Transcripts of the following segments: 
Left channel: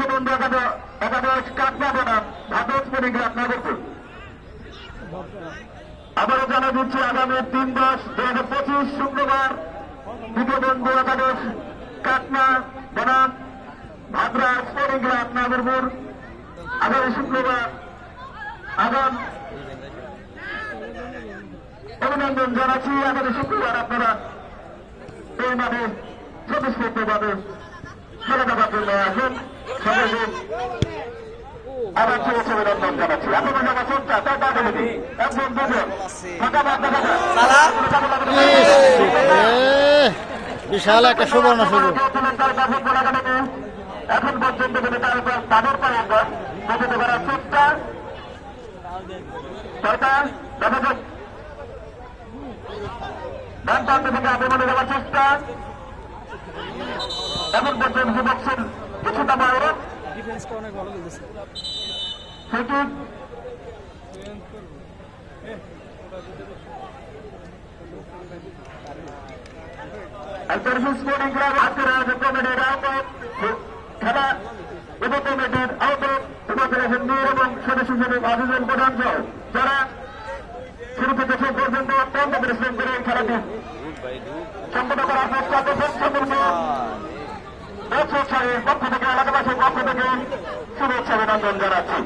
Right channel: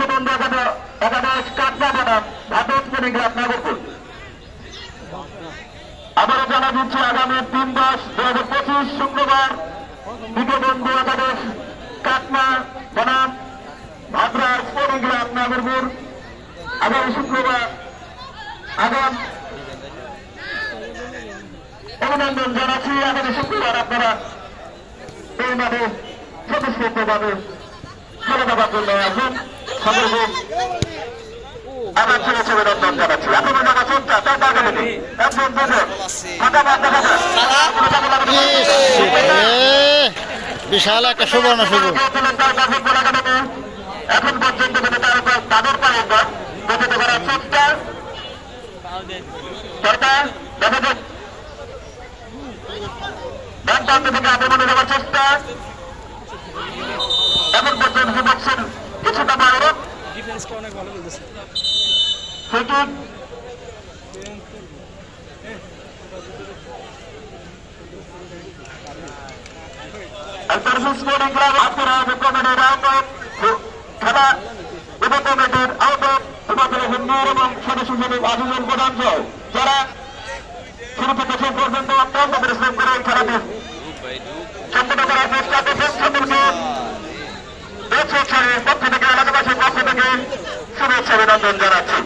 বিশ্ববন্ধু একাদশ কাটনা বনাম ভারত পরিগ্রাম নগরপুর। আবারও জানা দিচ্ছে আগামী ৩/১০/২০২৫ শুক্রবার বিশ্ববন্ধু একাদশ কাটনা বনাম ভাদ্রাস পরিগ্রাম নগরপুর আগামী শুক্রবার অভিনন্দন জানাচ্ছি। আগামী শুক্রবার আপনারা এই মাঠে স্বতঃস্ফূর্তভাবে খেলে দেওয়ার জন্য আসুন। আবার ছেড়ে ছেড়ে অভিনন্দন জানাচ্ছি। আপনাদের জানা চলছে একজন দুজন ফাঁকা বাদ দেখা যায়। বিশাল একটা সুবর্ণ সুযোগ। এখন পর্যন্ত তার উপর তাদের পায়ে প্রকৃত করার চেষ্টা সরকার দেখা যাক ডান প্রান্ত থেকে আক্রমণে যাওয়ার চেষ্টা। এখন পর্যন্ত দেখছেন কিছুটা বাইরে ডিফেন্সটা অনেক ভালো খেলতেছে। খেলা উপকমিটির আহ্বায়ক উপাচার্য নূর এবং সদস্য সচিব আজিজুল প্রধান সহ যারা শুরু থেকে শেষ পর্যন্ত অত্যন্ত পরিশ্রম করে এই খেলাটি সম্পন্ন করার চেষ্টা করছেন সকলকে দর্শকের পক্ষ থেকে এলাকাবাসীর পক্ষ থেকে শুভেচ্ছা অভিনন্দন জানাচ্ছি।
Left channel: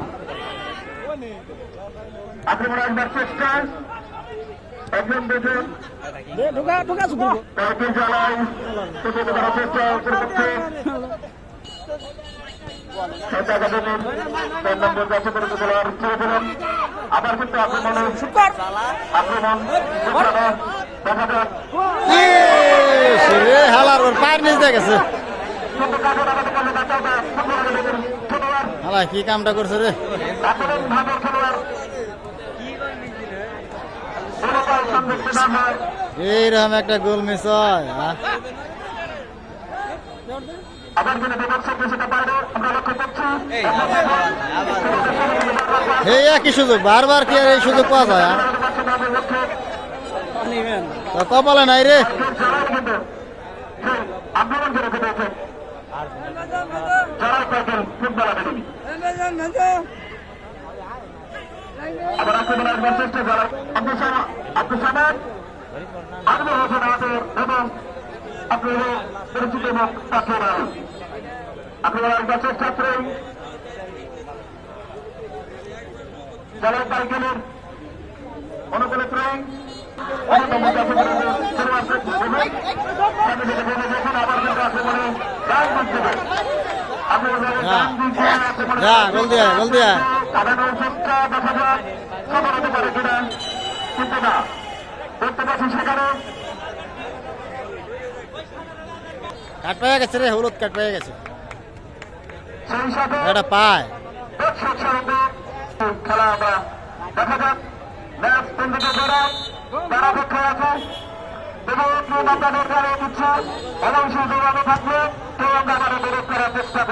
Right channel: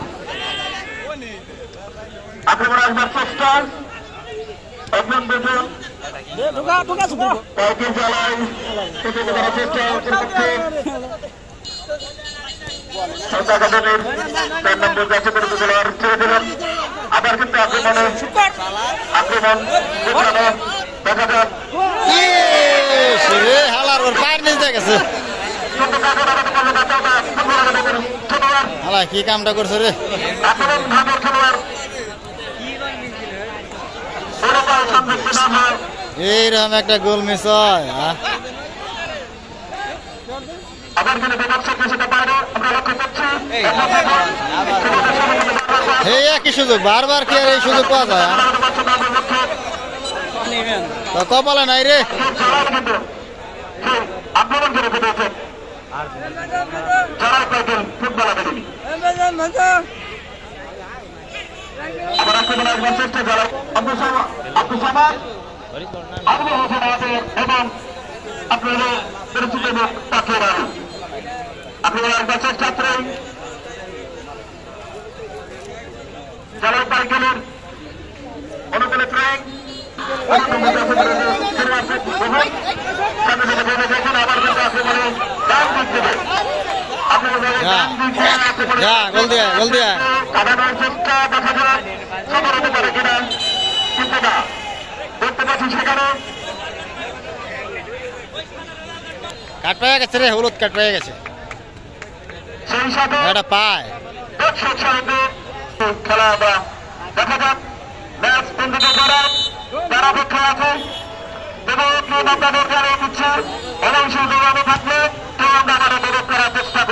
আক্রমণ আসবার চেষ্টা একজন দুজন তাকে জ্বালায় প্রতিহত করার চেষ্টা পক্ষে একাডেমির 4 নম্বর জাতীয় পরিষদ খেলোয়াড় ছেড়ে দিলেন। আবার কিন্তু আক্রমণ দেখা যাক হালার ওর পায়ের নিচে গেছে। হালা কি কামটা করছে রে? এইরকম একটা গোল মিস হয়। এই একই সুযোগ বারবার কি আর এই সুযোগ পাওয়া যায়? কপালে নাই রে। আপনারা চেষ্টা করেন যারা পাই গেলেন অনুকূলে ট্রেন গোল দিয়া গোল দিয়া চেষ্টা দেখা যায় সবার হতে পারে কিনা কিন্তু না দেখতে পাচ্ছি সেখানে কাট পেয়ে গেছে রে, হলুদ কাট পেয়ে গেছে। সেই সাথে এটা পায় খেলা আমরা দেখা যাক ম্যাচ বন্ধুকে তারা অপেক্ষা আছে এবং আপনাদের দিচ্ছে অনেক সুযোগ থাকলে কেউ আমরা আমাদের করার চেষ্টা